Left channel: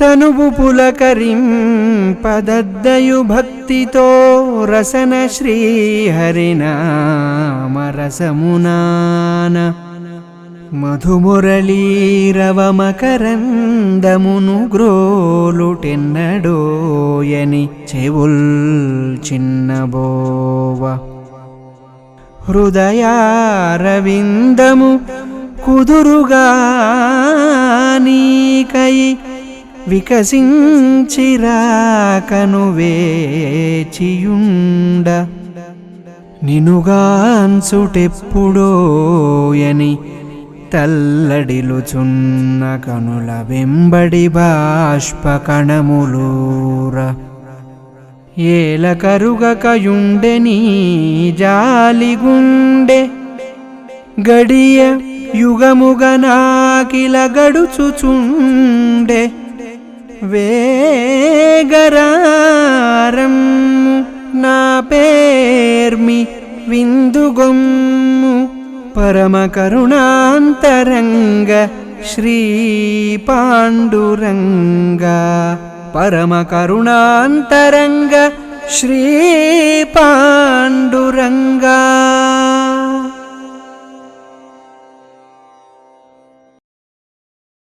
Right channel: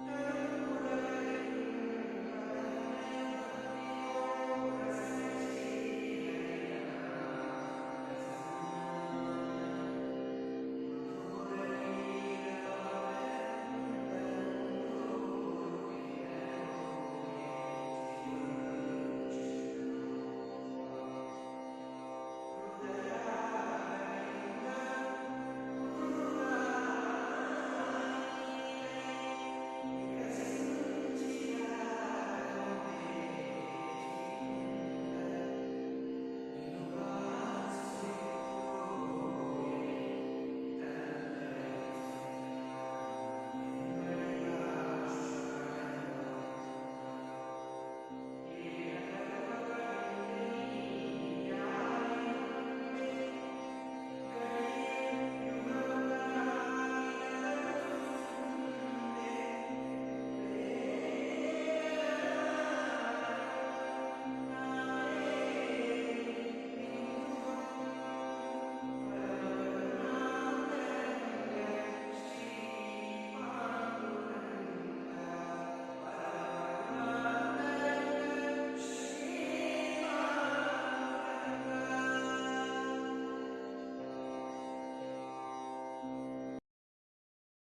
తనువు పులకరింపదద్దయు భక్తితో రసన శ్రీహరినామరసమునాన మధుమురళీరవమకరందమును గ్రోలుటెన్నడోయని చెవుల్ చిన్నబోవ. హృదయారవిందము కుదురుగా వికసించిరాకను వేచియుండ. నినుగాన్సుటెప్పుడోయని తల్లడిలుచున్న కనుల వెంబడి బాష్పకణములూర. ఏల కరుగకయుండె జాలిగుండె. గడియ యుగముగ నాకిల గడుచుచుండే వేగరారమ్ము నా పేర్మి విందుగొమ్ము. పరమకరుణాంతరంగ శ్రీ పాండురంగ పరమకరుణాంతరంగ శ్రీ పాండురంగా